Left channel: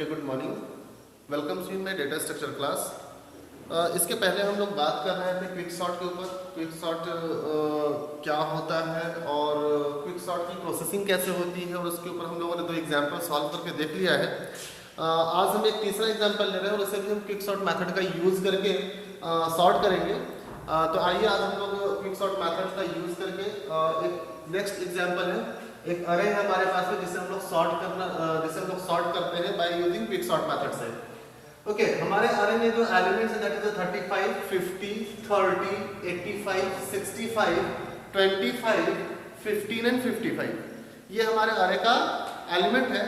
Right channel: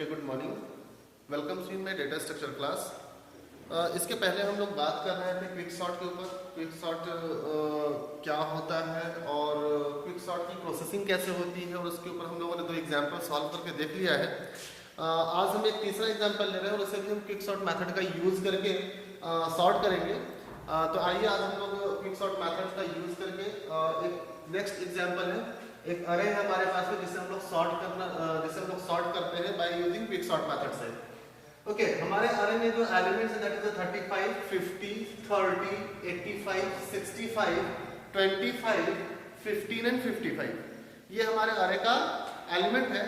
Okay, good morning. Welcome to my data structure class. इसके पहले हम लोग बात कर रहे थे क्विक सॉर्ट के ऊपर। क्विक सॉर्ट क्या होता है और क्विक सॉर्ट की प्रोसेसिंग कैसे होती है, और उसके ऊपर हम लोगों ने 2 एग्जाम्पल सॉल्व करके देख लिया है। आज हम एक तीसरा एग्जाम्पल ले रहे हैं और उसे भी हम क्विक सॉर्ट मैथड का यूज करके सॉर्ट करेंगे। तो आइए आज हम लोग क्विक सॉर्ट मैथड का यूज करके एक नेक्स्ट एग्जाम्पल है। एक अरे है हमारे पास में जिसे हम लोग सॉर्ट करते हैं by using quick sort method से। ओके, हमारे अरे में जो एलिमेंट्स है दैट इज 35, 50, 30, 85, 65, 25, 15 एंड 55। ये हमारे अरे का एलिमेंट है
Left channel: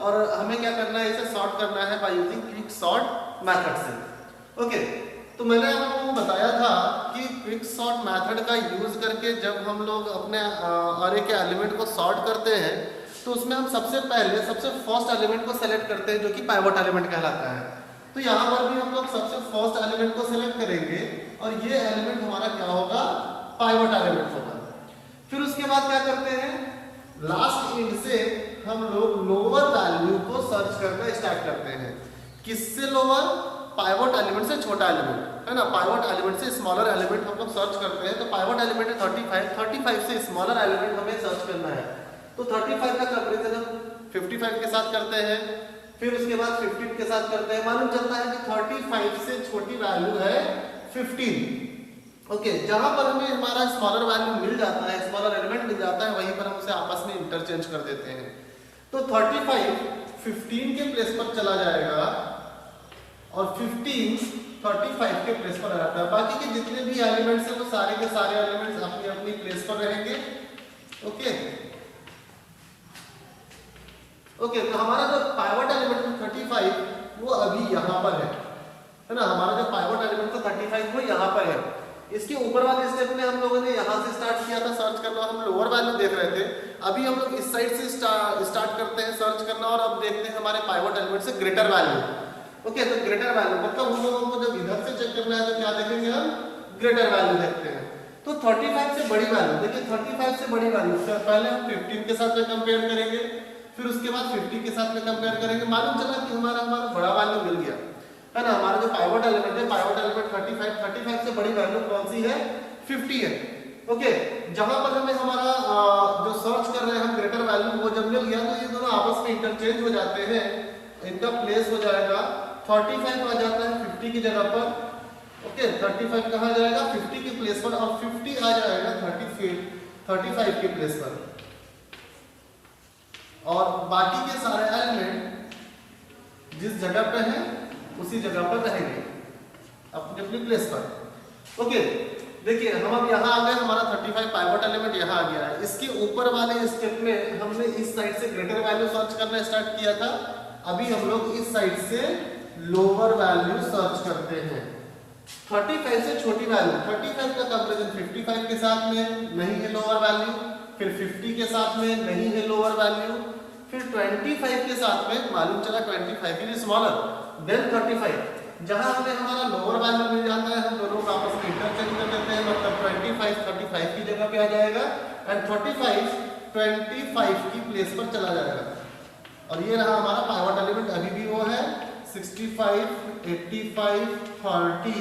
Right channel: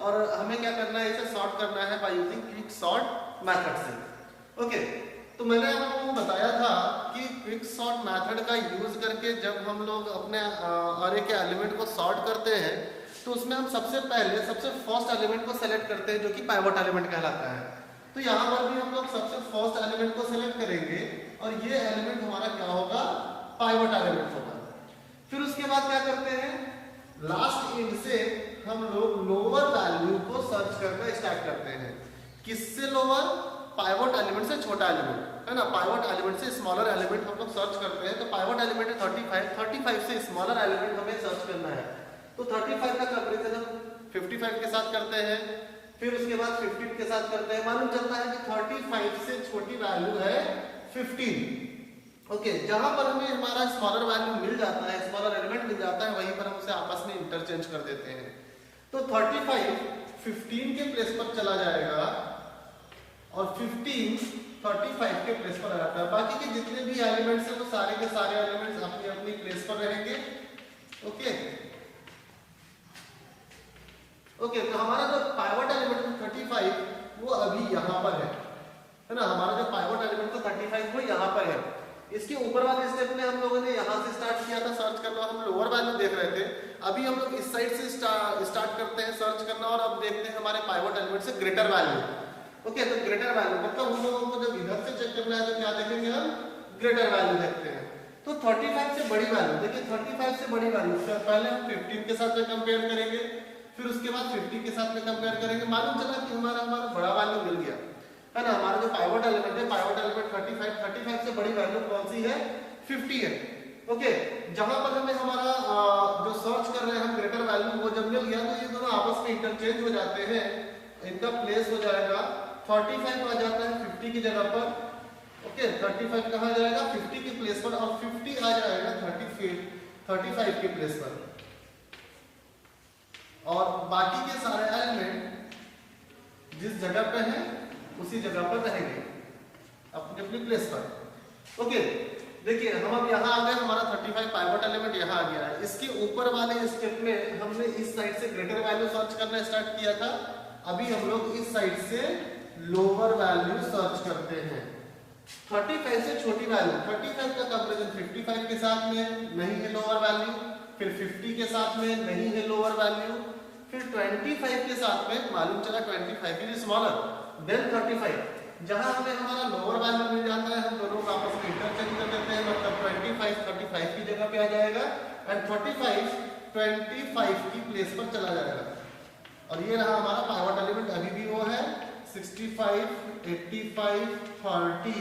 और हमें क्या करना है, इसे सॉर्ट करना है by using quick sort method से। ओके, तो मैंने आपको बताया था कि क्विक सॉर्ट मेथड का यूज करके जब हम लोग अपने अरे के एलिमेंट को सॉर्ट करते हैं तो उसमें हम सबसे फर्स्ट एलिमेंट को सेलेक्ट करते हैं जो कि पाइवट एलिमेंट कहलाता है। तो यहाँ पर भी हम लोग सबसे फर्स्ट एलिमेंट को सेलेक्ट करेंगे और ये एलिमेंट हमारा क्या होगा, पाइवट एलिमेंट होगा। फिर उसके बाद क्या करते हैं, लास्ट इंड से हम लोग लोअर वैल्यू को सर्च करना स्टार्ट करते हैं। किससे लोअर? पाइवट एलिमेंट से छोटा एलिमेंट है ना। पाइवट एलिमेंट से स्मॉलर एलिमेंट हम लोग सर्च करते हैं। तो पाइवट एलिमेंट है 35 से स्मॉलर एलिमेंट हमें सर्च करना है। तो 35 का कंपैरिजन हम 55 के साथ करते हैं, फिर उसके बाद 15 के साथ करते हैं। मालूम चलता है कि 35 से छोटी वैल्यू है 15। ओके, जहां पर हमें हमारा स्मॉलर वैल्यू मिल जाता है, स्मॉलर एलिमेंट मिल जाता है, वहीं पर हम उसे आपस में इंटरचेंज कर देते हैं। तो 35 15 के प्लेस पर चला जाएगा और 15 35 के प्लेस पर आ जाता है। बाकी के जितने भी एलिमेंट्स हैं वो सारे के सारे एलिमेंट्स अपनी अपनी प्लेस पर रहेंगे। ओके, तो हमारा जो पाइवट एलिमेंट 35 वो अभी यहाँ पर है ना। हमारा जो पाइवट एलिमेंट 35 वो यहाँ पर है। इसके ऊपर वाले स्टेप में हम लोगों ने यहाँ से स्टार्ट किया था सर्च करना, हम लोअर वैल्यू देख रहे थे। अभी हम लोग इस साइड से स्टार्ट करते हैं सर्च करना और अब देखते हैं हमारे पाइवट एलिमेंट से ग्रेटर वैल्यू। ओके, तो ग्रेटर वैल्यू मतलब हम लोगों को जब इधर से चेक करना है तो क्या देखेंगे, हम ग्रेटर वैल्यू देखते हैं। तो 35 से बड़ी वैल्यू देखिए, 35 से बड़ी वैल्यू से पहले हम 15 के साथ में कंपेयर करेंगे, फिर उसके बाद 50 के साथ में कंपेयर करेंगे। मालूम चला कि हमारा बड़ा वैल्यू मिल गया है ना। हमारा जो पाइवट एलिमेंट है, पाइवट एलिमेंट 35 से बड़ी वैल्यू कौन सी है, 50 है। ओके, जहां पर हमें हमारा जो सर्च कर रहे हैं हम ग्रेटर वैल्यू वो जब मिल गया तो ये दोनों आपस में इंटरचेंज हो जाते हैं। इनका प्लेस हो जाएगा 35 आ जाता है 50 की जगह पर। ओके, 35 कहाँ जाएगा, 50 की प्लेस पर, और 50 आ जाएगा 35 की प्लेस पर। और बाकी के सारे एलिमेंट जिस जगह पे हैं उसी जगह पर रहेंगे अपनी अपनी प्लेस पर। ओके, देखिए हम अब यहाँ आ गए, हमारा 35 पाइवट एलिमेंट यहाँ आ गया है। इसके ऊपर वाले स्टेप में हमने इस साइड से ग्रेटर वैल्यू सर्च करना स्टार्ट किया था। अभी हम लोग इस साइड से लोअर वैल्यू सर्च करते हैं। 35 से छोटी वैल्यू, 35 का कंपैरिजन 55 के साथ में नहीं है लोअर वैल्यू, फिर 50 के साथ में नहीं है लोअर वैल्यू, फिर 25 के साथ में मालूम चला 25 इज स्मॉलर देन 35। जहां हमें हमारा लोअर वैल्यू मिल जाता है हम दोनों को आपस में इंटरचेंज कर देते हैं। मतलब 25 35 की जगह पे आ जाएगा एंड 35 25 की प्लेस पर चला जाएगा। और ये रहा हमारा पाइवट एलिमेंट, अभी भी वो है 65, 85, 30,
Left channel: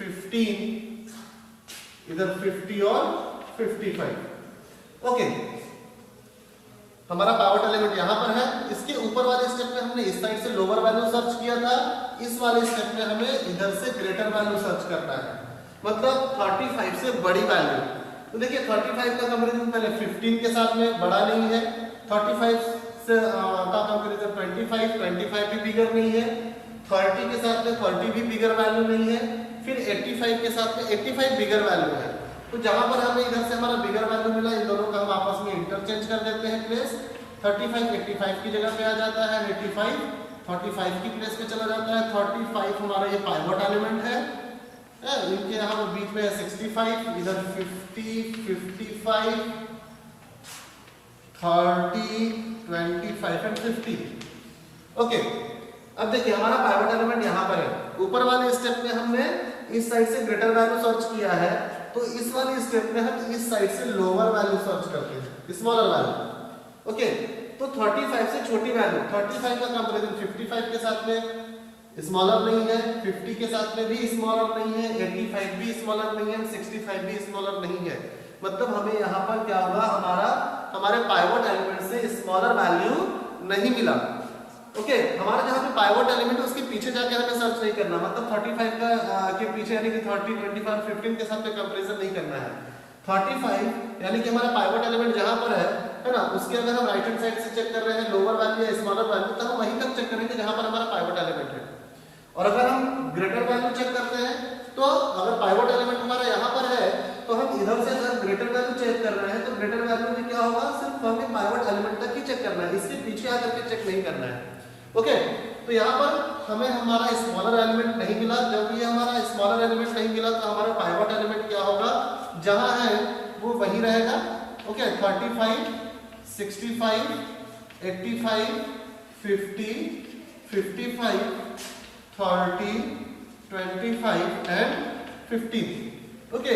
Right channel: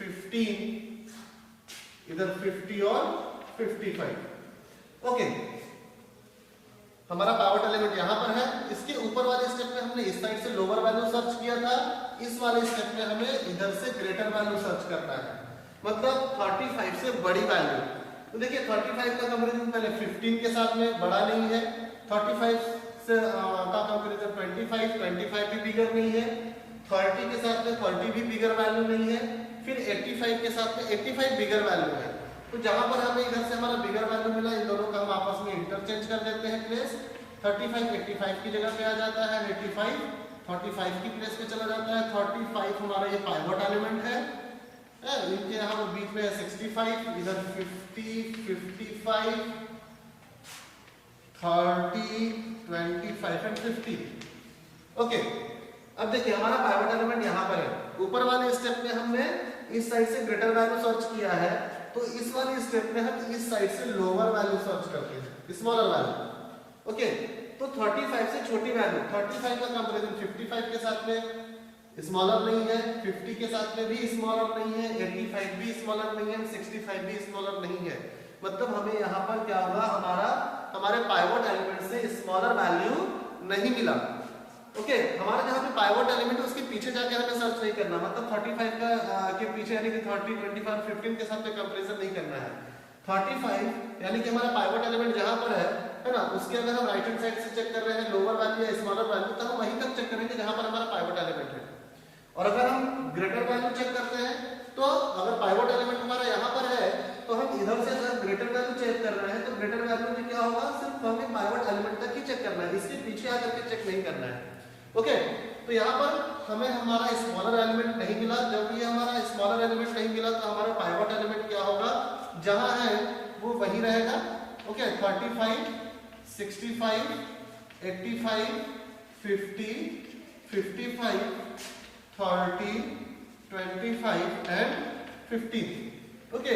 15, इधर 50 और 55। ओके, हमारा पाइवट एलिमेंट यहाँ पर है। इसके ऊपर वाले स्टेप में हमने इस साइड से लोअर वैल्यू सर्च किया था, इस वाले स्टेप में हमें इधर से ग्रेटर वैल्यू सर्च करना है, मतलब 35 से बड़ी वैल्यू। तो देखिए 35 का कंपैरिजन पहले 15 के साथ में बड़ा नहीं है, 35 से का कंपैरिजन 25 भी बिगर नहीं है, 30 के साथ में 30 भी बिगर वैल्यू नहीं है, फिर 85 के साथ में 85 बिगर वैल्यू है। तो जहां पर हमें इधर से हमारा बिगर वैल्यू मिला, इन दोनों का हम आपस में इंटरचेंज कर देते हैं प्लेस। 35 85 की जगह पे आ जाता है, 85 35 की प्लेस पे चला जाता है। 35 हमारा ये पाइवट एलिमेंट है, इनके यहाँ बीच में 65, इधर 50, 55, 30, 25 एंड 50। ओके, अब देखिए हमारा पाइवट एलिमेंट यहाँ पर है। ऊपर वाले स्टेप में हमने इस साइड से ग्रेटर वैल्यू सर्च किया है, तो इस वाले स्टेप में हम इस साइड से लोअर वैल्यू सर्च करते हैं, स्मॉलर वैल्यू। ओके, तो 35 से छोटी वैल्यू, 35 का कंपैरिजन 55 के साथ में स्मॉलर नहीं है, 50 के साथ में भी स्मॉलर नहीं है, 85 भी स्मॉलर नहीं है, 65 भी स्मॉलर नहीं है। मतलब हमें यहाँ पर क्या होगा, हमारे पाइवट एलिमेंट से स्मॉलर वैल्यू नहीं मिला। ओके, हमारा जहाँ पे पाइवट एलिमेंट है उसके पीछे जाके हमें सर्च नहीं करना, मतलब 35 का के पीछे यानी कि 30, 25, 15 के साथ में कंपैरिजन नहीं करना है। 35 यानी कि हमारा पाइवट एलिमेंट जहाँ पर है ना, उसके अगर हम राइट हैंड साइड से चेक कर रहे हैं लोअर वैल्यू या स्मॉलर वैल्यू, तो हम वहीं तक चेक करेंगे जहाँ पर हमारा पाइवट एलिमेंट है। और अगर हम ग्रेटर वैल्यू चेक करते हैं तो अगर पाइवट एलिमेंट हमारा यहाँ पर है तो हम इधर से अगर ग्रेटर वैल्यू चेक कर रहे हैं तो ग्रेटर वैल्यू में क्या होगा, सिर्फ हमें पाइवट एलिमेंट तक ही चेक करना है, इसके पीछे आकर के चेक नहीं करना है। ओके, तो यहाँ पर हमें हमारा स्मॉलर एलिमेंट नहीं मिला। जब ये हमारा स्मॉलर एलिमेंट नहीं मिला तो हमारा पाइवट एलिमेंट क्या होगा, जहाँ है वो वही रहेगा। Okay, 35, 65, 85, 50, 55, 30, 25 and 15। ओके,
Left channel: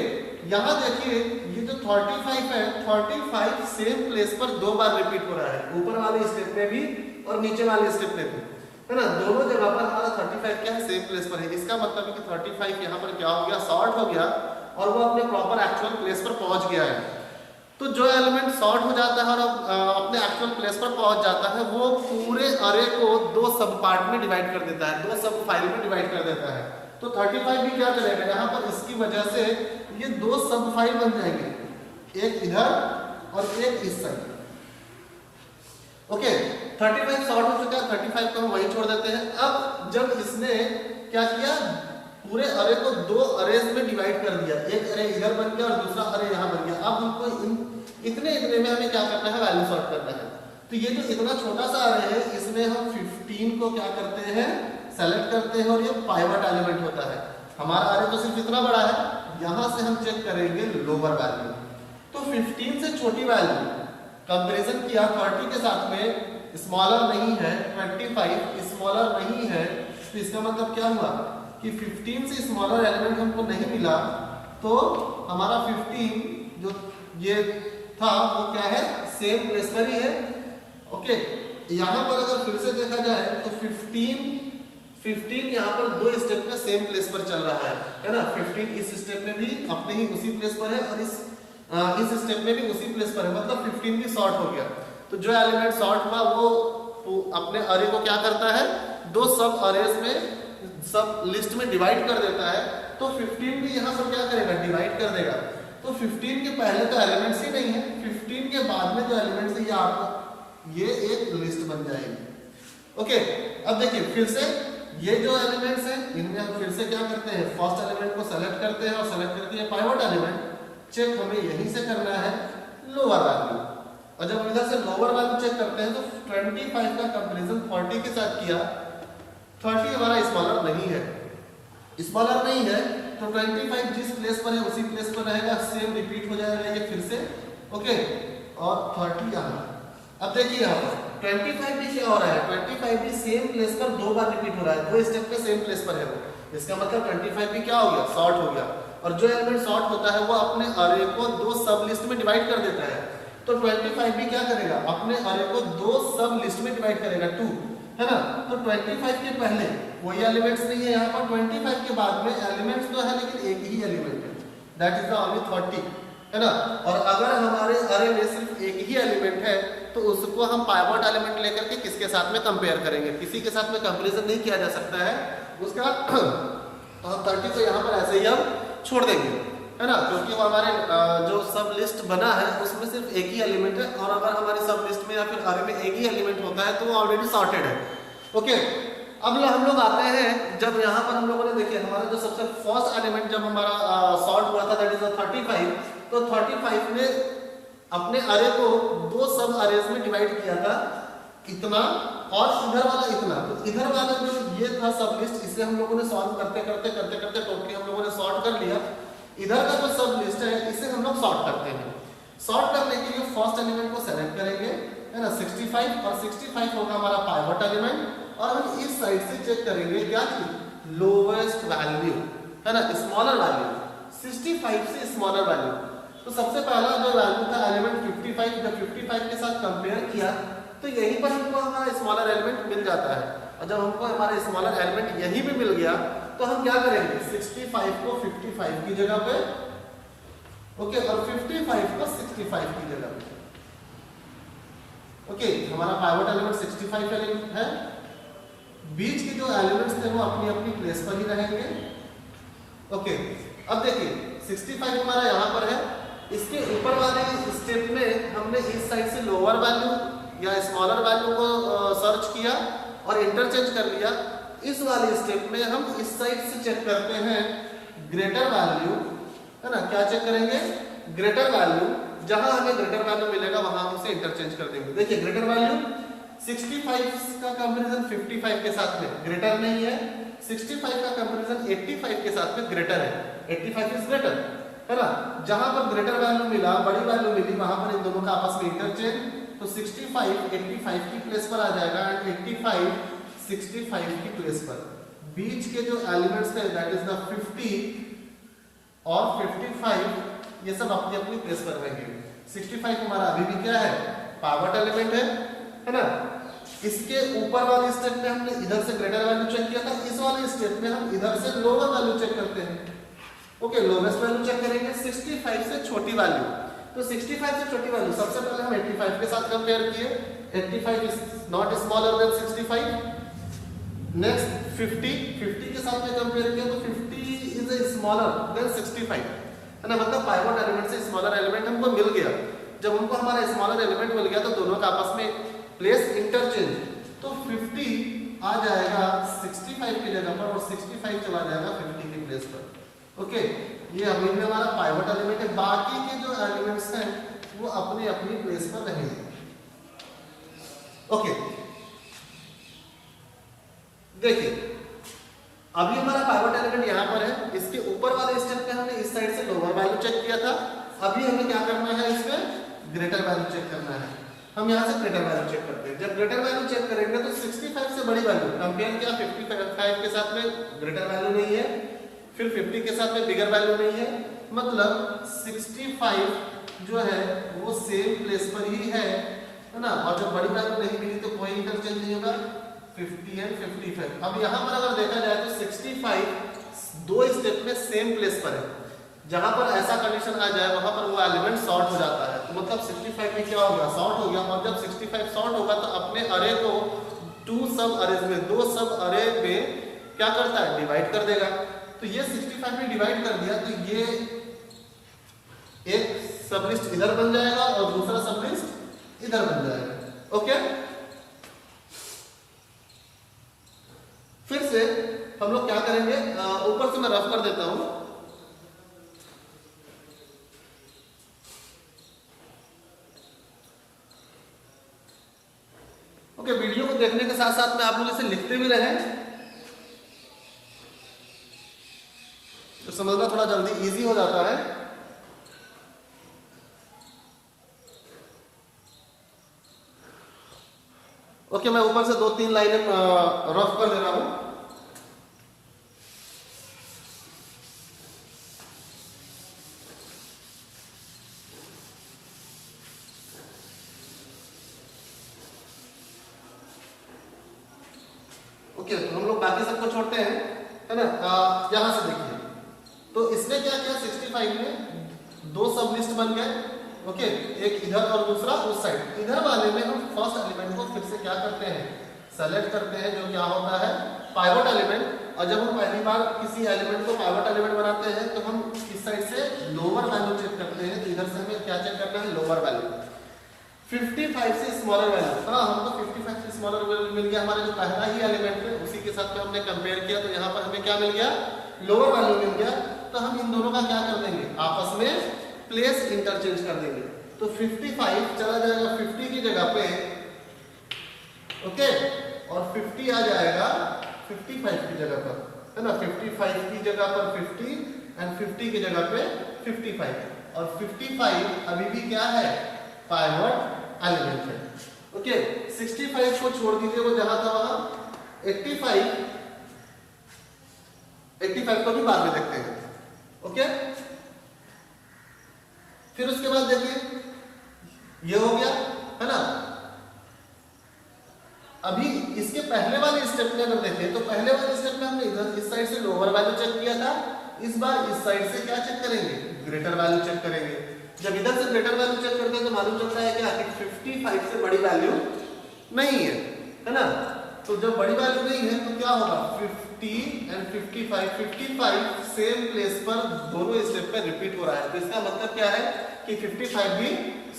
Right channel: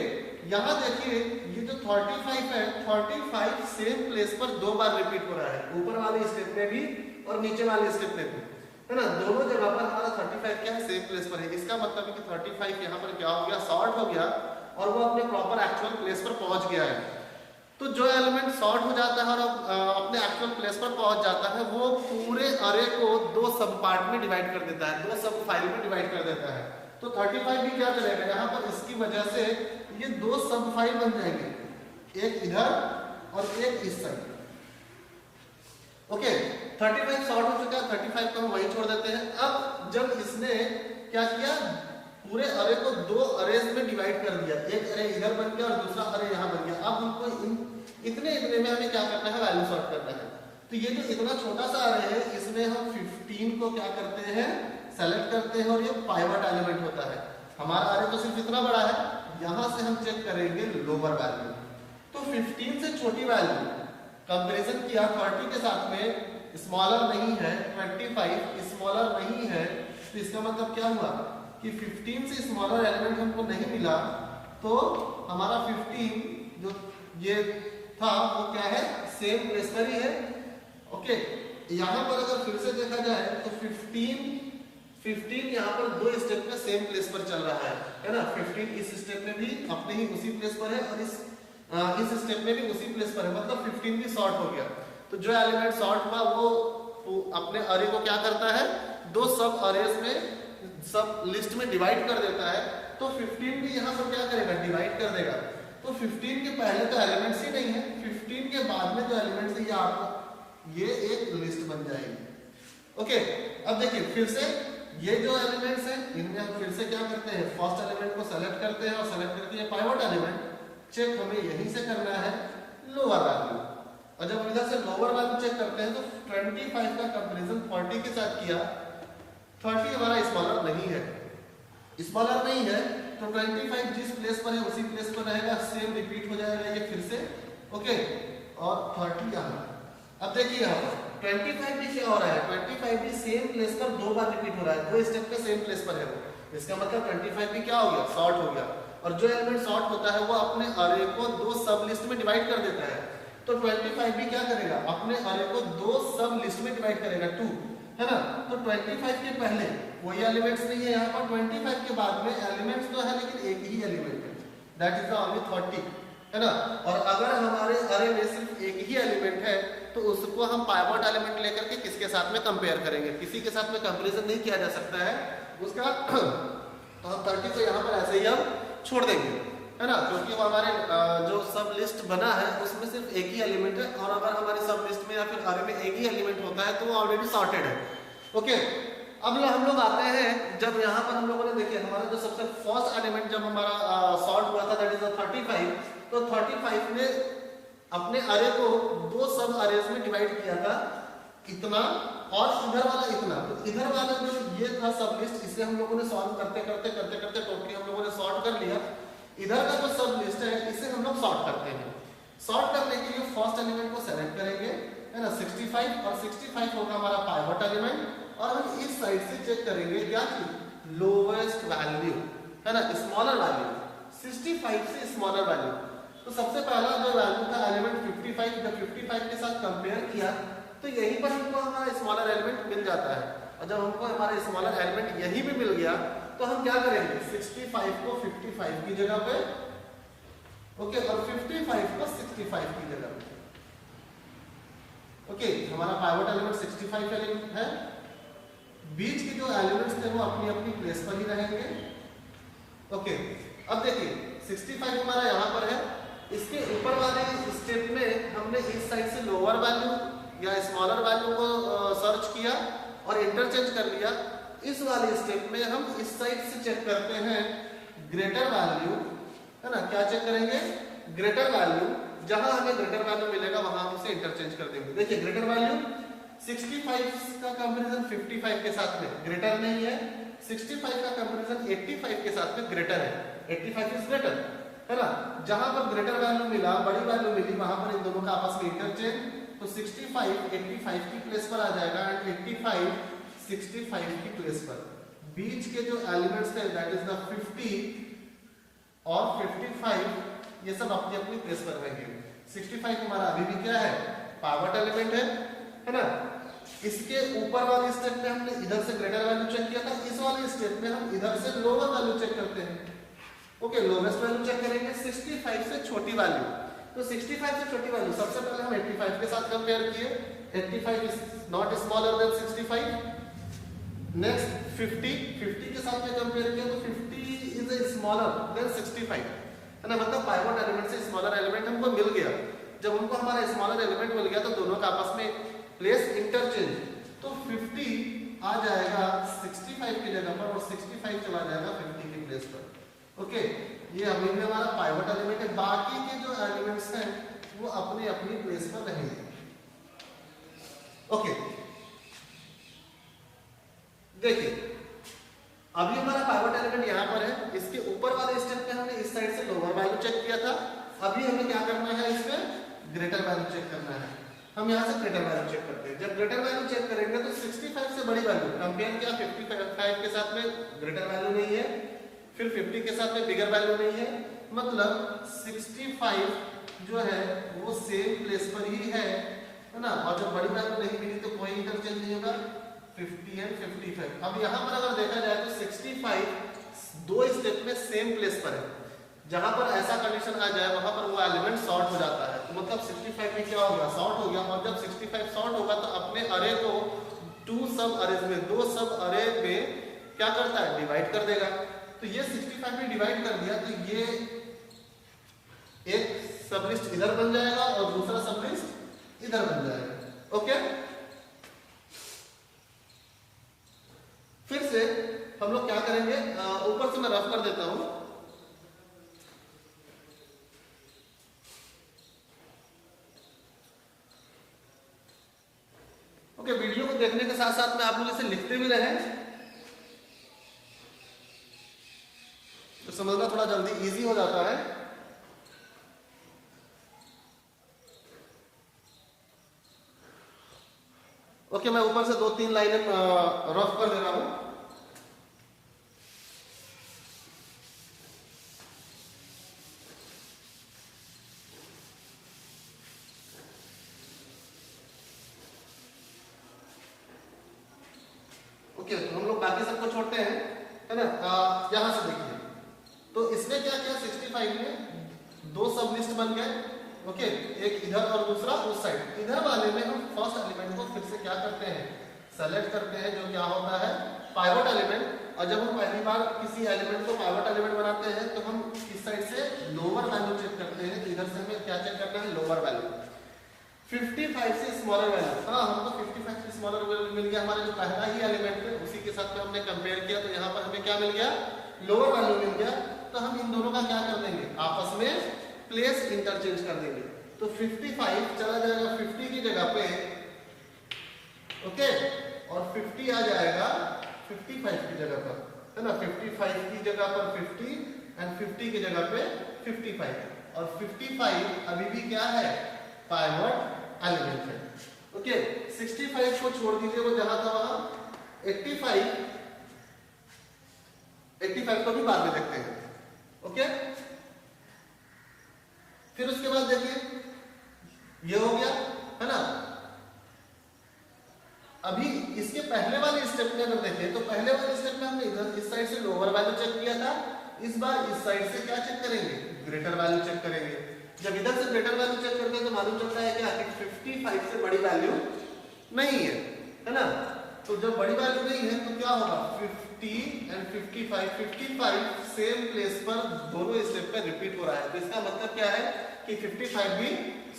यहाँ देखिए ये जो 35 है, 35 सेम प्लेस पर 2 बार रिपीट हो रहा है, ऊपर वाले स्टेप में भी और नीचे वाले स्टेप में भी, है ना। दोनों जगह पर हमारा 35 क्या है, सेम प्लेस पर है। इसका मतलब है कि 35 यहाँ पर क्या हो गया, शॉर्ट हो गया और वो अपने प्रॉपर एक्चुअल प्लेस पर पहुंच गया है। तो जो एलिमेंट शॉर्ट हो जाता है और अपने एक्चुअल प्लेस पर पहुंच जाता है, वो पूरे अरे को 2 सब पार्ट में डिवाइड कर देता है, 2 सब फाइल में डिवाइड कर देता है। तो 35 भी क्या करेगा, यहाँ पर इसकी वजह से ये 2 सब फाइल बन जाएंगे, एक इधर और एक इस साइड। ओके, 35 शॉर्ट हो चुका है, 35 को हम वहीं छोड़ देते हैं। अब जब इसने क्या किया, पूरे अरे को 2 अरेज में डिवाइड कर दिया, एक अरे इधर बन गया और दूसरा अरे यहाँ बन गया। अब हमको इतने में हमें क्या करना है, वैल्यू सॉर्ट करना है। तो ये जो इतना छोटा सा अरे है, इसमें हम 15 को क्या करते हैं, सेलेक्ट करते हैं और ये पाइवट एलिमेंट होता है। हमारा अरे तो सिर्फ इतना बड़ा है, यहाँ से हम चेक करेंगे लोअर वैल्यू। तो 15 से छोटी वैल्यू कंपैरिजन किया 30 के साथ में, स्मॉलर नहीं है, 25 स्मॉलर नहीं है, तो इसका मतलब क्या हुआ कि 15 से स्मॉलर एलिमेंट हमको नहीं मिला, तो हमारा 15 जो ये था वो क्या है, सेम प्लेस पर ही है। ओके, यहाँ पर अगर फिर से देखा जाए तो 15 यहाँ पर 2 स्टेप में सेम प्लेस पर चल रहा है ना। 15 इस स्टेप में भी अपने ही उसी प्लेस पर है और इस स्टेप में भी उसी प्लेस पर है, मतलब 15 भी शॉर्ट हो गया। तो जो एलिमेंट शॉर्ट हुआ वो अपने अरे को क्या करता है, 2 सब अरेज में, सब लिस्ट में डिवाइड कर देता है। तो 15 भी यहाँ पर क्या करेगा, डिवाइड कर देगा। तो 15 के पहले तो एलिमेंट्स ही नहीं है, 15 के बाद में जो एलिमेंट्स है ये आपका ये एक लिस्ट बन जाएगी। ओके, अब देखिए फिर से ये जो एलिमेंट्स हैं इनमें हम फिर से क्या करते हैं, फर्स्ट एलिमेंट को सेलेक्ट करते हैं और सेलेक्ट करके ये पाइवट एलिमेंट चेक हमें यहीं से करना है लोअर वैल्यू। और जब इधर से लोअर वैल्यू चेक करते हैं तो 25 का कंपैरिजन 40 के साथ किया, 30 हमारा स्मॉलर नहीं है, स्मॉलर नहीं है तो 25 जिस प्लेस पर है उसी प्लेस पर रहेगा, सेम रिपीट हो जाएगा ये फिर से। ओके, और 30 आना। अब देखिए यहाँ पर 25 भी क्या हो रहा है, 25 भी सेम प्लेस पर 2 बार रिपीट हो रहा है, 2 स्टेप पे सेम प्लेस पर है वो। इसका मतलब 25 भी क्या हो गया, शॉर्ट हो गया। और जो एलिमेंट शॉर्ट होता है वो अपने अरे को 2 सब लिस्ट में डिवाइड कर देता है। तो 25 भी क्या करेगा, अपने अरे को 2 सब लिस्ट में डिवाइड करेगा, 2, है ना। तो 25 के पहले कोई एलिमेंट्स नहीं है यहाँ पर, 25 के बाद में एलिमेंट्स तो है लेकिन एक ही एलिमेंट है, दैट इज द ओनली 30, है ना। और अगर हमारे अरे में सिर्फ एक ही एलिमेंट है तो उसको हम पाइवट एलिमेंट लेकर के किसके साथ में कंपेयर करेंगे, किसी के साथ में कंपैरिजन नहीं किया जा सकता है उसका। तो हम 30 को यहाँ पर ऐसे ही हम छोड़ देंगे, है ना, क्योंकि वो हमारे जो सब लिस्ट बना है उसमें सिर्फ एक ही एलिमेंट है। और अगर हमारे सब लिस्ट में या फिर अरे में एक ही एलिमेंट होता है तो वो ऑलरेडी सॉर्टेड है। ओके, अब हम लोग आते हैं, जब यहाँ पर हम लोगों ने देखिए हमारा जो सबसे फर्स्ट एलिमेंट जब हमारा सॉर्ट हुआ था, दैट इज 35, तो 35 में अपने अरे को 2 सब अरेज में डिवाइड किया था, इतना और इधर वाला इतना। तो इधर वाला जो ये था सब लिस्ट, इसे हम लोगों ने सॉल्व करते करते टोटली हम लोगों ने सॉर्ट कर लिया। इधर का जो सब लिस्ट है इसे हम लोग सॉर्ट करते हैं। सॉर्ट करने के लिए फर्स्ट एलिमेंट को सेलेक्ट करेंगे, है ना, 65, और 65 होगा हमारा पाइवट एलिमेंट। और हम इस साइड से चेक करेंगे क्या कि लोवेस्ट वैल्यू, है ना, स्मॉलर वैल्यू, 65 से स्मॉलर वैल्यू। तो सबसे पहला जो वैल्यू था एलिमेंट 55, जब 55 के साथ कंपेयर किया तो यहीं पर हमको हमारा स्मॉलर एलिमेंट मिल जाता है। और जब हमको हमारा स्मॉलर एलिमेंट यहीं पे मिल गया तो हम क्या करेंगे, 65 को 55 की जगह पे, ओके, और 55 को 65 की जगह पे, ओके। हमारा पाइवट एलिमेंट 65 एलिमेंट है, बीच के जो एलिमेंट्स थे वो अपनी अपनी प्लेस पर ही रहेंगे, ओके। अब देखिए 65 हमारा यहाँ पर है, इसके ऊपर वाले स्टेप में हमने इस साइड से लोअर वैल्यू या स्मॉलर वैल्यू को सर्च किया और इंटरचेंज कर लिया। इस वाले स्टेप में हम इस साइड से चेक करते हैं ग्रेटर वैल्यू, है ना। क्या चेक करेंगे, ग्रेटर वैल्यू, जहां हमें ग्रेटर वैल्यू मिलेगा वहां हम उसे इंटरचेंज कर देंगे। देखिए ग्रेटर वैल्यू 65 का कंपैरिजन 55 के साथ में ग्रेटर नहीं है, 65 का कंपैरिजन 85 के साथ में ग्रेटर है, 85 इज ग्रेटर, है ना। जहां पर ग्रेटर वैल्यू मिला, बड़ी वैल्यू मिली, वहां पर इन दोनों का आपस में इंटरचेंज, तो 65 85 की प्लेस पर आ जाएगा एंड 85 65 की प्लेस पर। बीच के जो एलिमेंट्स थे दैट इज द 50 और 55, ये सब अपनी अपनी प्लेस पर रहेंगे। 65 हमारा अभी भी क्या है, पाइवट एलिमेंट है ना। इसके ऊपर वाले स्टेप में हमने इधर से ग्रेटर वैल्यू चेक किया था, इस वाले स्टेप में हम इधर से लोअर वैल्यू चेक करते हैं, ओके। लोवेस्ट वैल्यू चेक करेंगे 65 से छोटी वैल्यू, तो 65 से छोटी वैल्यू सबसे पहले हम 85 के साथ कंपेयर किए, 85 is not smaller than 65। Next 50 के साथ में कंपेयर किया तो 50 इज स्मॉलर देन 65, है ना। मतलब पाइवट एलिमेंट से स्मॉलर एलिमेंट हमको मिल गया। जब हमको हमारा स्मॉलर एलिमेंट मिल गया तो दोनों का आपस में प्लेस इंटरचेंज, तो 50 आ जाएगा 65 की जगह पर और 65 चला जाएगा 50 की प्लेस पर, ओके। ये अभी भी हमारा पाइवट एलिमेंट है, बाकी के जो एलिमेंट्स हैं वो अपनी अपनी प्लेस पर रहेंगे, ओके। देखिए अभी हमारा पाइवट एलिमेंट यहाँ पर है, इसके ऊपर वाले स्टेप में हमने इस साइड से लोअर वैल्यू चेक किया था, अभी हमें क्या करना है, इसमें ग्रेटर वैल्यू चेक करना है। हम यहाँ से ग्रेटर वैल्यू चेक करते हैं। जब ग्रेटर वैल्यू चेक करेंगे तो 65 से बड़ी वैल्यू कंपेयर किया, 55 के साथ में ग्रेटर वैल्यू नहीं है, फिर 50 के साथ में बिगर वैल्यू नहीं है, मतलब 65 जो है वो सेम प्लेस पर ही है ना। और जब बड़ी वैल्यू नहीं मिली तो कोई इंटरचेंज नहीं होगा, 50 एंड 55। अब यहाँ पर अगर देखा जाए तो 65 दो स्टेप में सेम प्लेस पर है, जहां पर ऐसा कंडीशन आ जाए वहां पर वो एलिमेंट सॉर्ट हो जाता है, तो मतलब 65 में क्या हो गया, सॉर्ट हो गया। और जब 65 सॉर्ट होगा तो अपने अरे को 2 सब अरेज में, 2 सब अरे में क्या करता है, डिवाइड कर देगा। तो ये 65 में डिवाइड कर दिया तो ये एक सब लिस्ट इधर बन जाएगा और दूसरा सब लिस्ट इधर बन जाएगा, ओके। फिर से हम लोग क्या करेंगे, ऊपर से मैं रफ कर देता हूं। ओके, वीडियो को देखने के साथ साथ में आप लोग इसे लिखते भी रहें तो समझना थोड़ा जल्दी इजी हो जाता है। ओके, मैं ऊपर से 2-3 लाइनें रफ कर दे रहा हूं। ओके, तो हम लोग बाकी सबको छोड़ते हैं, है ना। यहां से देखिए तो इसने क्या किया, 65 में 2 सब लिस्ट बन गए, ओके। एक इधर और दूसरा उस साइड। इधर वाले में हम फर्स्ट एलिमेंट को फिर से क्या करते हैं, सेलेक्ट करते हैं, जो क्या होता है पाइवट एलिमेंट। और जब हम पहली बार किसी एलिमेंट को पाइवट एलिमेंट बनाते हैं तो हम इस साइड से लोअर वैल्यू चेक करते हैं, तो इधर से हमें क्या चेक करना है, लोअर वैल्यू। 55 से स्मॉलर वैल्यू, हाँ हमको 55 से स्मॉलर वैल्यू मिल गया, हमारे जो पहला ही एलिमेंट है उसी के साथ में हमने कंपेयर किया, तो यहाँ पर हमें क्या मिल गया, लोअर वैल्यू मिल गया। तो हम इन दोनों का क्या कर देंगे, आपस में प्लेस इंटरचेंज कर देंगे। तो 55 चला जाएगा 50 की जगह पे, ओके, और 50 आ जाएगा 55 की जगह पर, है ना। 55 की जगह पर 50 एंड 50 की जगह पे 55, और 55 अभी भी क्या है, पाइवट एलिमेंट है, ओके। 65 को छोड़ दीजिए, वो जहां था वहां। 85 को भी बाद में देखते हैं, ओके। फिर उसके बाद देखिए ये हो गया, है ना। में अगर देखें तो पहले वाले स्टेप में हमने इधर इस साइड से लोअर वैल्यू चेक किया था, इस बार इस साइड से क्या चेक करेंगे, ग्रेटर वैल्यू चेक करेंगे। जब इधर से ग्रेटर वैल्यू चेक करते हैं तो मालूम चलता है क्या कि 55 से बड़ी वैल्यू नहीं है ना। तो जब बड़ी वैल्यू नहीं है तो क्या होगा, 50 एंड 55 सेम प्लेस पर दोनों स्टेप पे रिपीट हो रहा है। तो इसका मतलब क्या है कि 55 भी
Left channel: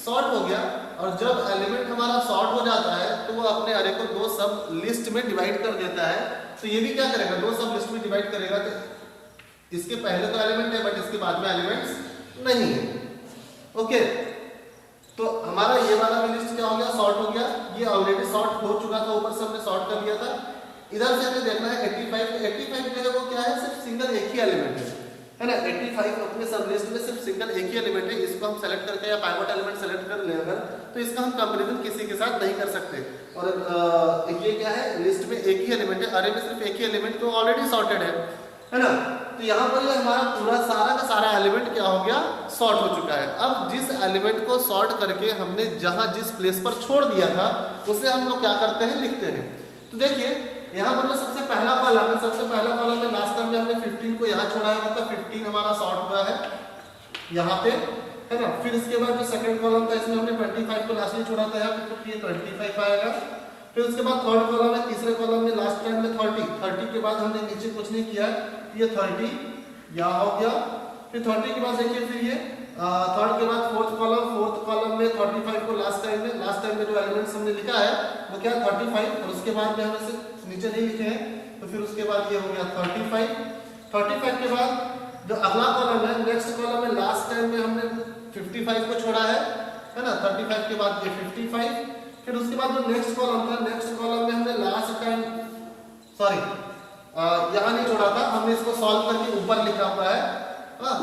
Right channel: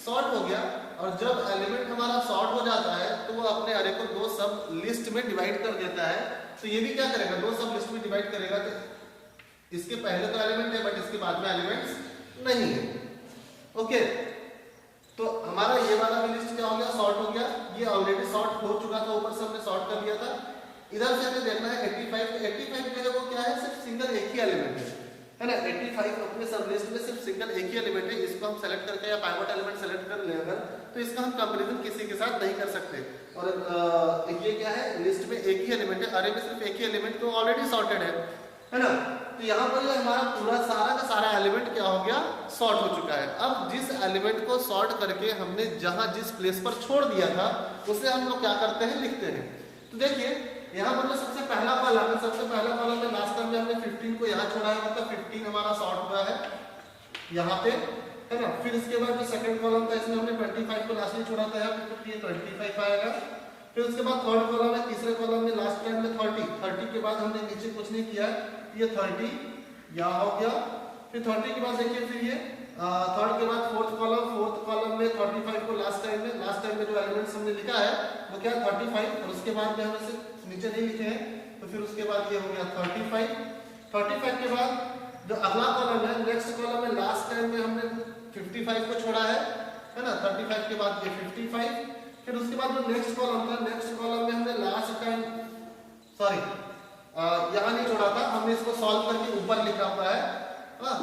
सॉर्ट हो गया। और जब एलिमेंट हमारा सॉर्ट हो जाता है तो वो अपने अरे को दो सब लिस्ट में डिवाइड कर देता है। तो ये भी क्या करेगा, दो सब लिस्ट में डिवाइड करेगा। तो इसके पहले तो एलिमेंट है बट इसके बाद में एलिमेंट्स नहीं है। ओके, तो हमारा ये वाला लिस्ट क्या हो गया, सॉर्ट हो गया। ये ऑलरेडी सॉर्ट हो चुका था, ऊपर से हमने सॉर्ट कर लिया था। इधर से हमें देखना है 85 जो है वो क्या है, सिर्फ सिंगल एक ही एलिमेंट है ना। 85 अपने सब लिस्ट में सिर्फ सिंगल एक ही एलिमेंट है। इसको हम सेलेक्ट करके या पाइवट एलिमेंट सेलेक्ट कर ले अगर, तो इसका हम कंपैरिजन किसी के साथ नहीं कर सकते। और ये क्या है, लिस्ट में एक ही एलिमेंट है, अरे में सिर्फ एक ही एलिमेंट, तो ऑलरेडी सॉर्टेड है ना। तो यहाँ पर ये हमारा पूरा सारा का सारा एलिमेंट क्या हो गया, सॉर्ट हो चुका है। अब जिस एलिमेंट को सॉर्ट करके हमने जहां जिस प्लेस पर छोड़ दिया था उसे हम लोग क्या करते हैं, लिखते हैं। तो देखिए यहाँ पर जो सबसे पहला कॉलम है, सबसे पहला कॉलम में लास्ट टाइम में हमने 15 को यहाँ छोड़ा है, मतलब 15 हमारा सॉर्ट हुआ है यहाँ पे, है ना। फिर इसके बाद जो सेकंड कॉलम था इसमें हमने 25 को लास्ट में छोड़ा था यहाँ पे, तो ये 25 आएगा। फिर उसके बाद थर्ड कॉलम है, तीसरे कॉलम में लास्ट टाइम में 30 के बाद हमने नीचे कुछ नहीं किया, ये 30 यहाँ हो गया। फिर 30 के बाद देखिए फिर ये थर्ड के बाद फोर्थ कॉलम में 35 को लास्ट टाइम में जो एलिमेंट्स हमने लिखा है वो क्या 35, और उसके बाद में हमने से नीचे नहीं लिखे हैं, तो फिर उसके बाद ये हो गया 35 के बाद जो अगला कॉलम है, नेक्स्ट कॉलम में लास्ट टाइम में हमने 55 को छोड़ा है ना। 35 के बाद ये 55, फिर उसके बाद जो नेक्स्ट कॉलम था, नेक्स्ट कॉलम में हमने लास्ट टाइम यहाँ नहीं छोड़ा था, हमने इसको सॉल्व करके ऊपर लिखा हुआ है। हाँ,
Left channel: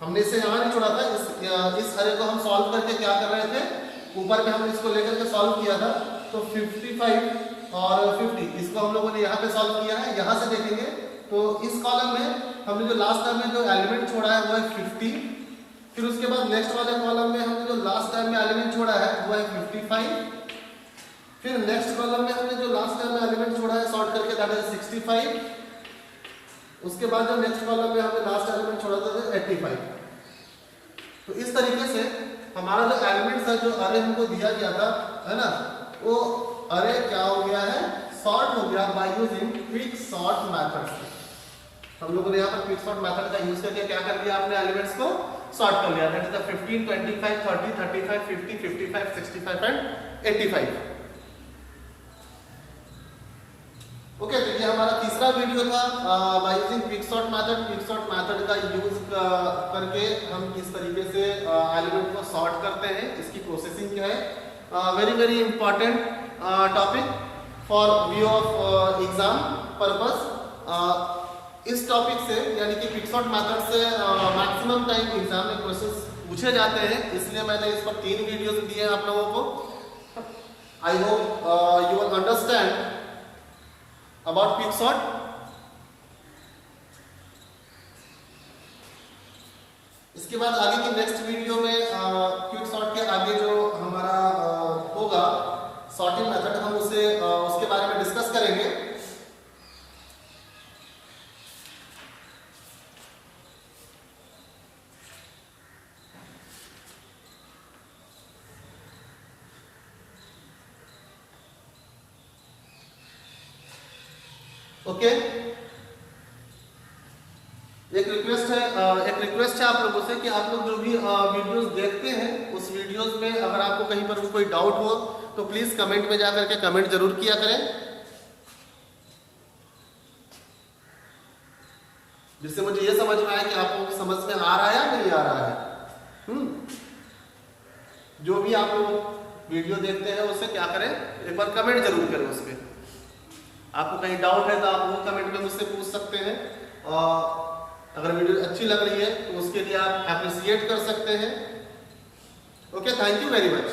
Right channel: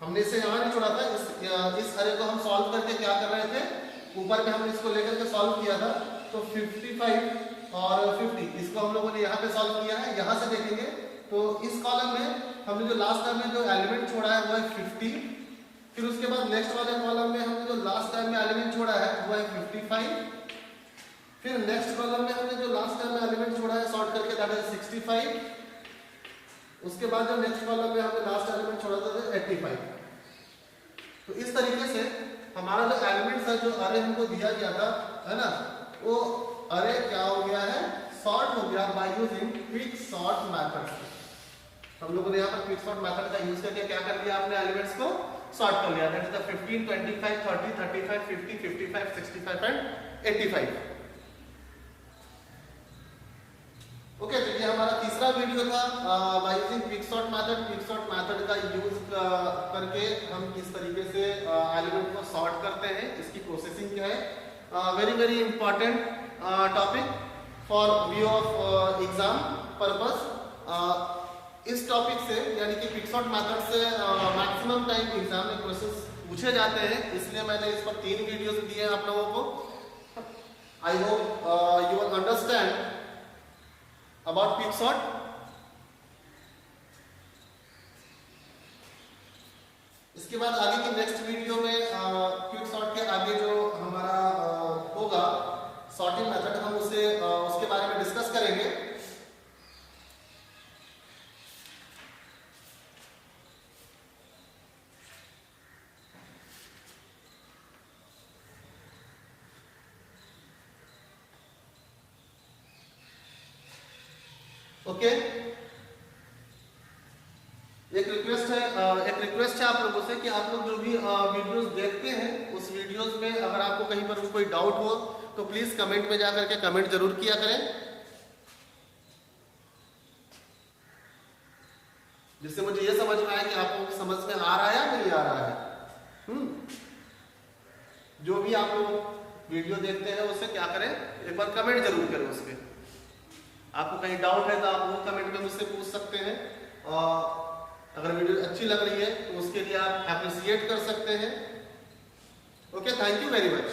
हमने इसे यहाँ नहीं छोड़ा था, इस अरे को हम सॉल्व करके क्या कर रहे थे, ऊपर में हमने इसको लेकर के सॉल्व किया था। तो 55 और 50 इसको हम लोगों ने यहाँ पे सॉल्व किया है। यहाँ से देखेंगे तो इस कॉलम में हमने जो लास्ट टाइम में जो एलिमेंट छोड़ा है वो है 50। फिर उसके बाद नेक्स्ट वाले कॉलम में हमने जो लास्ट टाइम में एलिमेंट छोड़ा है वो है 55। फिर नेक्स्ट कॉलम में हमने जो लास्ट टाइम में एलिमेंट छोड़ा है सॉर्ट करके दैट इज 65। उसके बाद जो नेक्स्ट कॉलम में हमने लास्ट एलिमेंट छोड़ा था वो 85। तो इस तरीके से हमारा जो एलिमेंट्स है, जो अरे हमको दिया गया था, है ना, वो अरे क्या हो गया है, सॉर्ट हो गया by using quick sort method. हम लोगों ने यहाँ पर क्विक सॉर्ट मेथड का यूज करके क्या कर लिया, आपने एलिमेंट्स को सॉर्ट कर लिया। That is the 15, 25, 30, 35, 50, 55, 65 and 85। Okay, तो ये हमारा तीसरा वीडियो था by using quick sort method. Quick sort method का यूज करके हम किस तरीके से एलिमेंट को सॉर्ट करते हैं, इसकी प्रोसेसिंग क्या है। Very important topic for view of exam purpose. इस टॉपिक से यानी कि क्विक सॉर्ट मेथड से मैक्सिमम टाइम एग्जाम में क्वेश्चंस पूछे जाते हैं, इसलिए मैंने इस पर 3 वीडियोस दिए हैं आप लोगों को। I hope you will understand about quick sort। इसके बाद आगे की नेक्स्ट वीडियो में क्विक सॉर्ट के आगे जो हमारा होगा सॉर्टिंग मेथड, हम उसके बारे में डिस्कस करेंगे। ओके, एक रिक्वेस्ट है आप लोगों से कि आप लोग जो भी वीडियोस देखते हैं उस वीडियोस में अगर आपको कहीं पर कोई डाउट हो तो प्लीज कमेंट में जाकर के कमेंट जरूर किया करें, जिससे मुझे ये समझ में आए कि आपको समझ में आ रहा है या नहीं आ रहा है। जो भी आप लोग वीडियो देखते हैं उससे क्या करें, एक बार कमेंट जरूर करें उस पर। आपको कहीं डाउट है तो आप वो कमेंट में मुझसे पूछ सकते हैं, और अगर वीडियो अच्छी लग रही है तो उसके लिए आप अप्रिशिएट कर सकते हैं। Okay, thank you very much.